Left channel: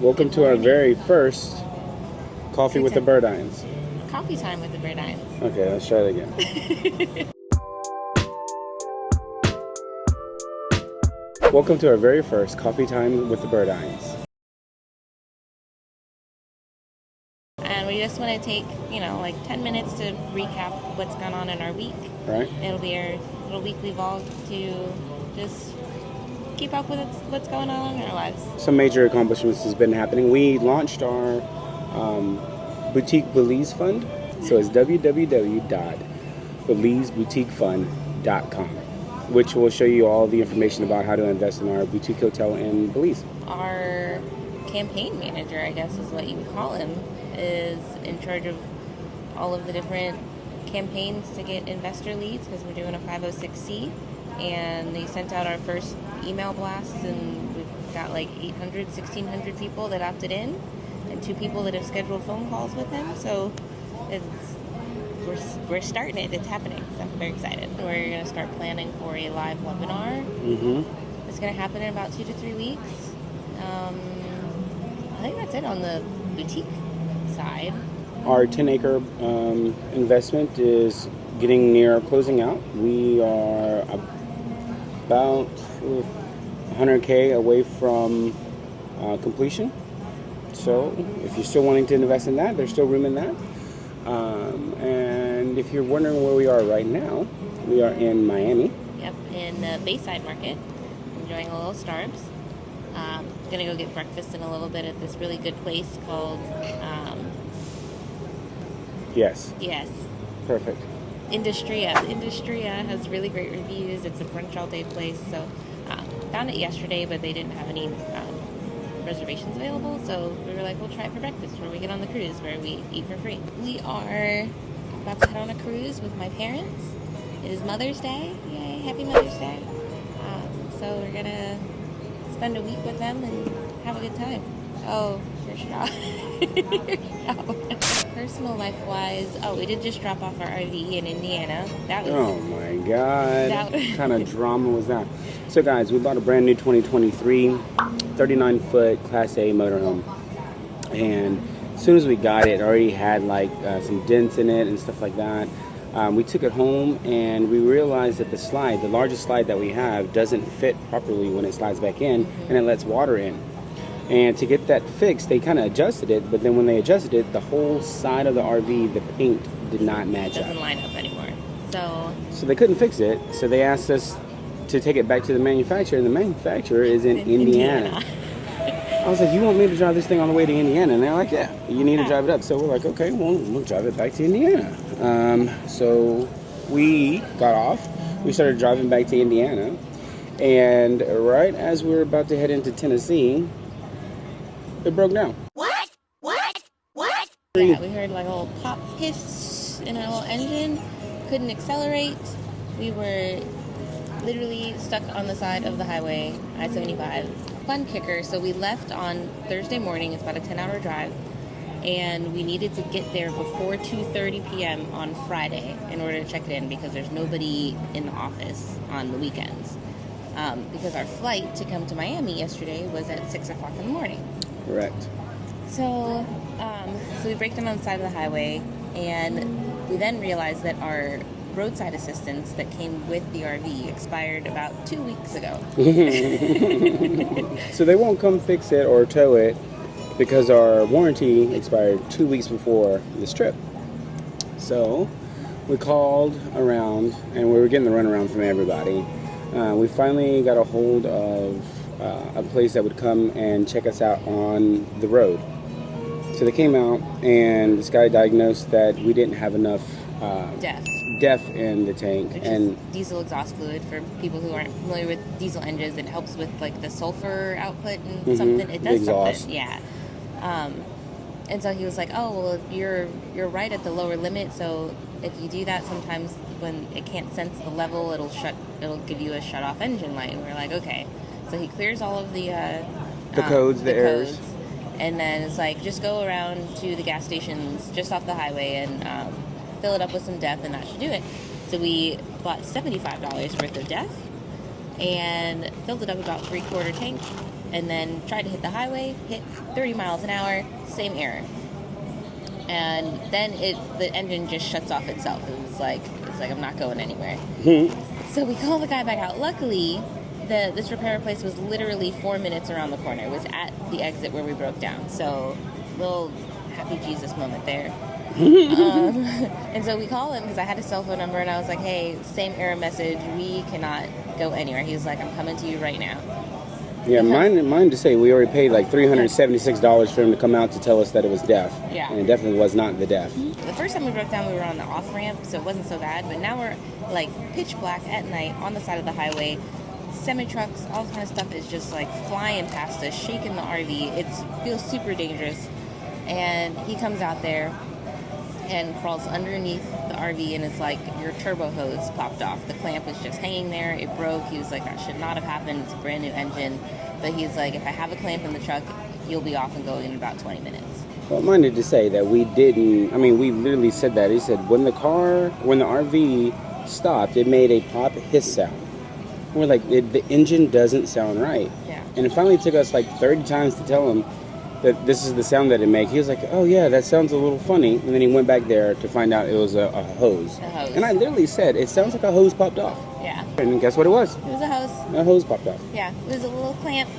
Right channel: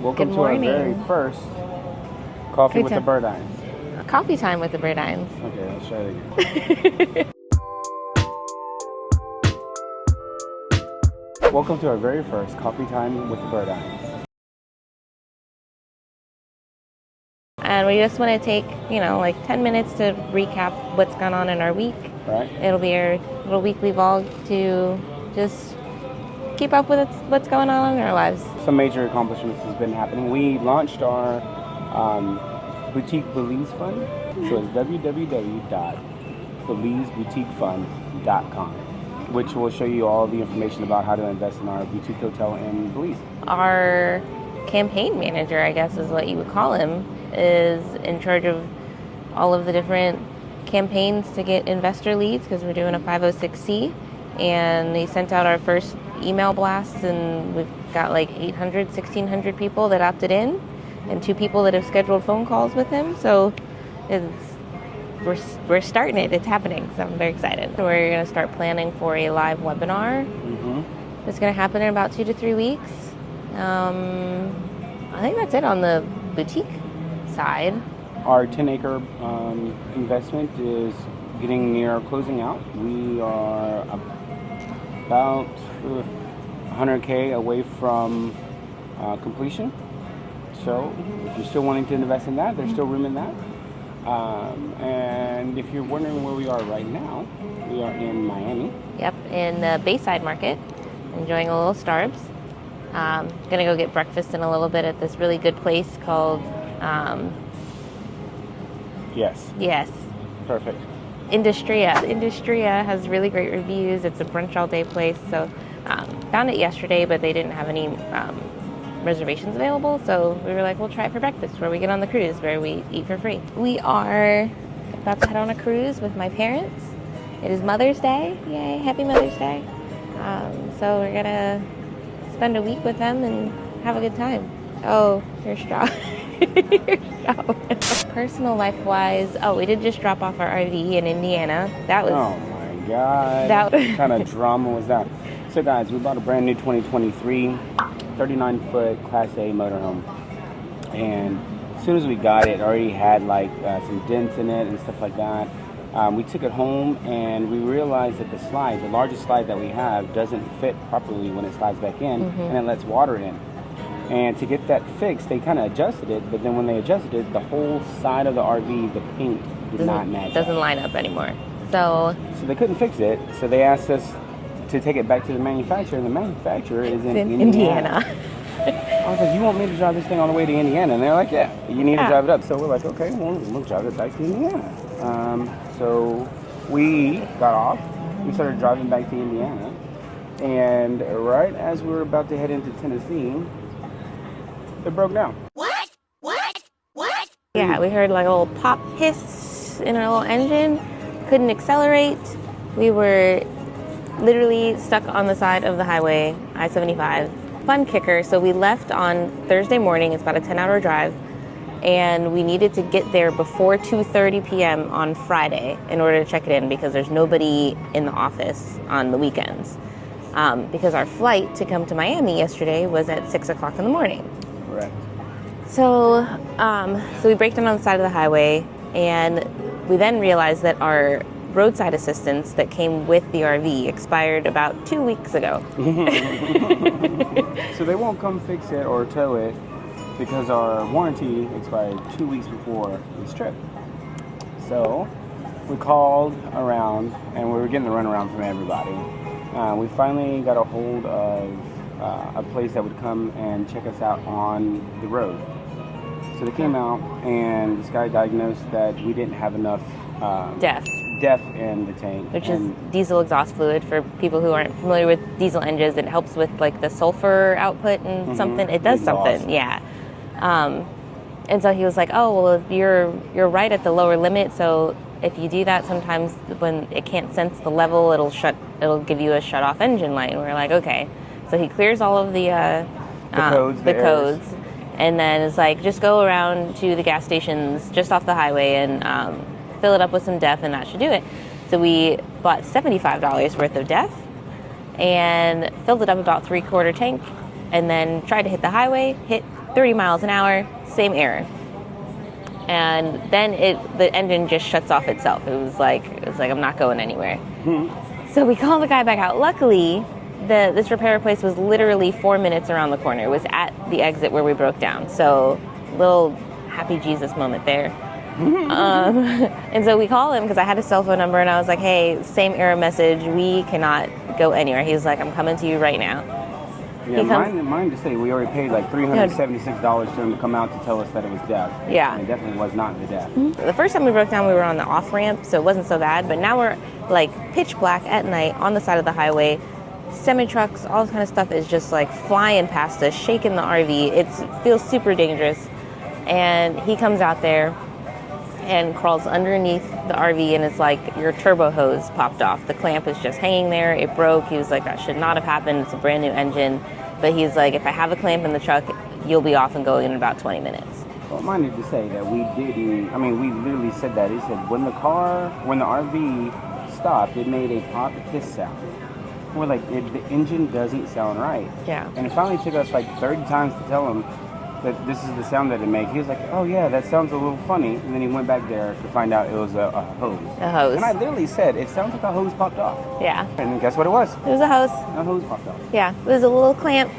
Welcome Good to our morning. very first Coffee Good with the time. Bird-Eyes. Coffee time with the Bird-Eyes. Okay, let's try it again. Welcome to our very first Coffee Time with the Bird-Eyes. And we just want to take, like 10 minutes to recap what's gone on in our week. Right? It'll be our little weekly vlog to just keep up with what's going on in our lives. Some major accomplishments has been happening. We launched our boutique Belize fund. So it's www.belizeboutiquefund.com, which will show you all the information about how to invest in our boutique hotel in Belize. Our campaign manager, I guess is what you would call him, is in charge of all of the different campaigns to get investor leads because we're doing a 506c, and they sent out our first email blasts, and we've got like 1,600 people that opted in and 2 people that have scheduled phone calls with him. So we're starting it. It's happening. So I'm very excited. We're going to start planning for a live webinar. It's going to happen in about 2 to 3 weeks. I think that's it on the boutique side. Our 10-acre investment is getting near closing out. We are about 100K away from completion. So if you're still wanting to invest in that, there's still room in that. And if you're wondering where we are right now, we are in Miami. Yep, in the Bayside Market, enjoying a little Starbucks. Gonna go get breakfast in a little bit at this really good place called Yes. Perfect. Industria. Industria has really great reviews. It's a brunch all day place. So found it yesterday, but they didn't have any reservations available. So we were like, we'll try it for breakfast where we get on the cruise where we eat for free. We are about to head on a cruise with my parents. It is Mother's Day. Yay, happy Mother's Day. So we're gonna spend a week with them and have a good time. Oh, your straw. Personal life-wise, we did just drop off our RV in Indiana. That was... Oh my God. What kind of drama was that? So guys, we bought a brand new 2023 39-foot Class A motorhome. And as soon as we got it, it already had like some dents in it and stuff like that. We took it home and we realized that the largest slide that we have, doesn't fit properly when it slides back in, and it lets water in. And to get that fixed, they kind of adjusted it, but then when they adjusted it, the whole side of the RV, the paint did not match up. Doesn't line up anymore. So they couldn't fix it, so they asked us to take it back to the manufacturer, and the manufacturer is in Indiana. I was like, you want me to drive this thing all the way to Indiana? And they're like, yeah, you need to drive it up. So we're like, okay, well, we'll drive it back to Indiana. So we got off. We started driving back to Indiana. And right as we were about to head into Tennessee, it broke down. What? Yeah, we heard like a little pop hiss in our little engine. Couldn't accelerate. We were literally stuck on the side of the highway, I-75. Fun kicker, so we left on Thursday morning. It's about a 10-hour drive. And we needed to get there before 2:30 p.m. on Friday in order to check it in because there's nobody in the office on the weekends. Because our flight to come to Miami yesterday was at 6 o'clock in the morning. Correct. So we break down on the side of the highway, and we then realized that our roadside assistance that came with the RV expired about 2 weeks ago. So they won't come fix it or tow it because our warranty expired 2 weeks before this trip. So we called around, and we were getting the runaround from everybody. We finally got a hold of a place that would come and check us out on the road. So they came out, and this guy diagnosed that we didn't have enough DEF in the tank, which is diesel exhaust fluid. For people who aren't familiar with diesel engines, it helps with like the sulfur output and something. It does something, yeah. And so he was like, "Oh, well, you're right at the lower limit. So if you do that, sometimes when it can't sense the level, it'll give you a shut off engine light." And we're like, "Okay." So he clears all of the codes, and then it's like, just go around to the gas stations just off the highway and fill it up with some DEF, and that should do it. So we bought $75 worth of DEF and filled it up about 3/4 tank, and then tried to hit the highway, hit 30 miles an hour, same error. And then the engine just shuts off itself. It was like I'm not going anywhere. So we called the guy back out. Luckily, this repair place was literally 4 minutes around the corner. It was at the exit where we broke down. So little happy Jesus moment there. And so we call him because I had his cell phone number, and I was like, hey, same error message. We cannot go anywhere. He was like, I'm coming to you right now. Yeah, mine to say we already paid like $376 for him to come out to tell us that it was DEF. Yeah. And it definitely was not the DEF. The first time we broke down, we were on the off ramp, so it wasn't so bad. But now we're like pitch black at night on the side of the highway. Semi trucks, all this kind of stuff is just like flying past us, shaking the RV. It feels super dangerous. And he comes out there and crawls underneath the RV, and it's like your turbo hose popped off. The clamp was just hanging there. It broke. He was like, that should not have happened. It's a brand new engine. But he's like, if I have a clamp in the truck, you'll be off and going in about 20 minutes. Well, I minded to say that we didn't, I mean, we literally said that. He said when the RV stopped, it made a pop hiss sound. We're like, the engine doesn't sound right. Yeah. And it finally took us like 30 times to tell him that this is the sound that it makes. He was like, oh yeah, that sounds a little funny. And then he went back there to find out it was a hose. A hose. And I literally said, it sounds like a hose popped off. Yeah. And guess what it was? It was a hose. A hose popped off. Yeah. It was a little clamp.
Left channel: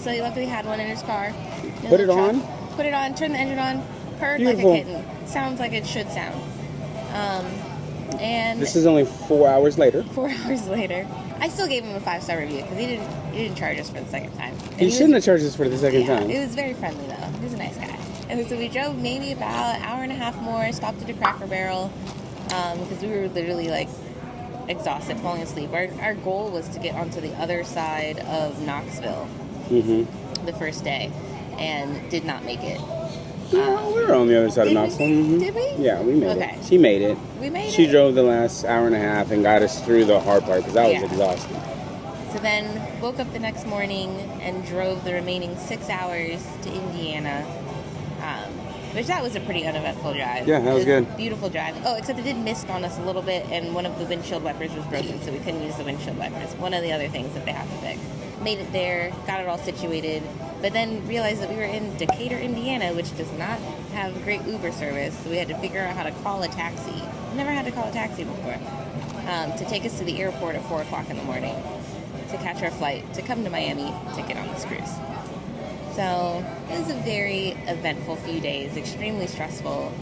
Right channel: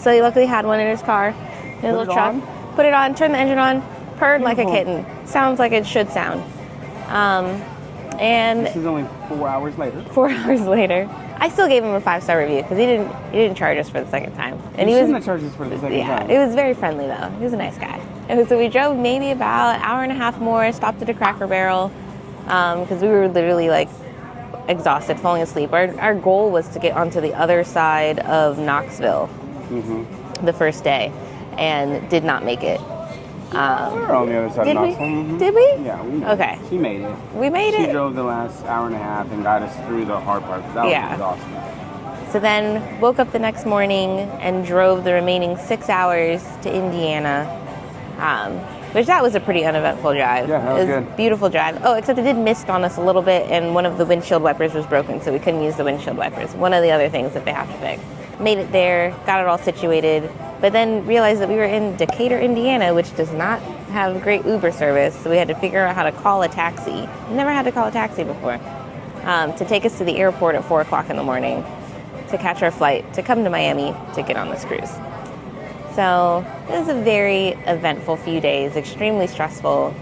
So he luckily had one in his car. Put it on? Put it on, turn the engine on, purred Beautiful. like a kitten. Sounds like it should sound. And this is only 4 hours later. 4 hours later. I still gave him a 5-star review because he didn't charge us for the second time. And he shouldn't have charged us for the second time. It was very friendly though. He was a nice guy. And so we drove maybe about an hour and a half more, stopped at a Cracker Barrel because we were literally like exhausted, falling asleep. Our goal was to get onto the other side of Knoxville the first day, and did not make it. We were on the other side of Knoxville. Did we? Yeah, we made Okay. it. She made it. We made She it. drove the last hour and a half and got us through the hard part because I was exhausted. So then woke up the next morning and drove the remaining 6 hours to Indiana, which that was a pretty uneventful drive. Yeah, that was good. Beautiful drive. Oh, except it did mist on us a little bit, and one of the windshield wipers was broken, so we couldn't use the windshield wipers. One of the other things that they have to fix. Made it there, got it all situated, but then realized that we were in Decatur, Indiana, which does not have great Uber service, so we had to figure out how to call a taxi. We never had to call a taxi before. To take us to the airport at 4 o'clock in the morning, to catch our flight, to come to Miami, to get on this cruise. So it was a very eventful few days, extremely stressful.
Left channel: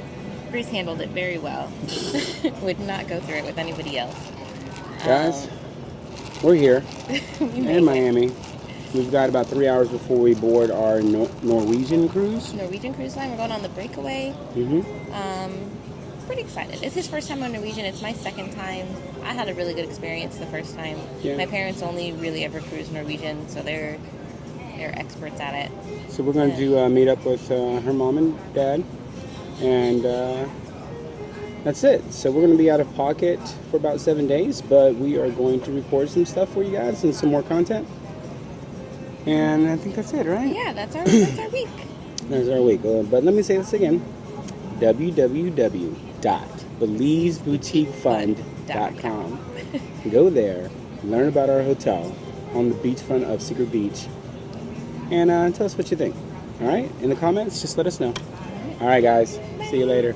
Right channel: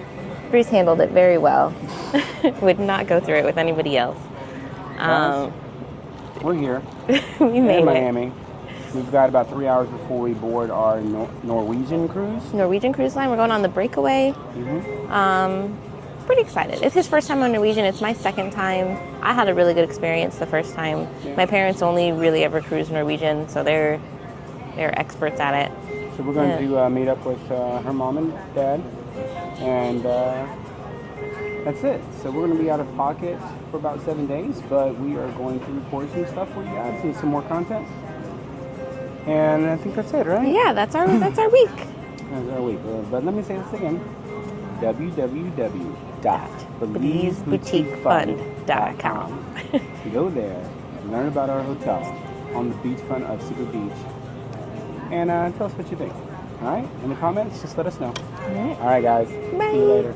Bruce handled it very well. Would not go through it with anybody else. Guys, we're here in Miami. We've got about 3 hours before we board our Norwegian cruise. Norwegian Cruise Line. We're going on the Breakaway. Pretty excited. It's his first time on Norwegian. It's my second time. I had a really good experience the first time. Yeah. My parents only really ever cruised Norwegian, so they're experts at it. So we're going to meet up with her mom and dad, and that's it. So we're going to be out of pocket for about 7 days, but we are going to record some stuff for you guys and some more content. And I think that's it, right? Yeah, that's our week. That's our week. But let me say this again. www.believesboutiquefund.com. Go there, learn about our hotel on the beachfront of Secret Beach, and tell us what you think. All right? In the comments, just let us know. All right, guys. Bye. See you later.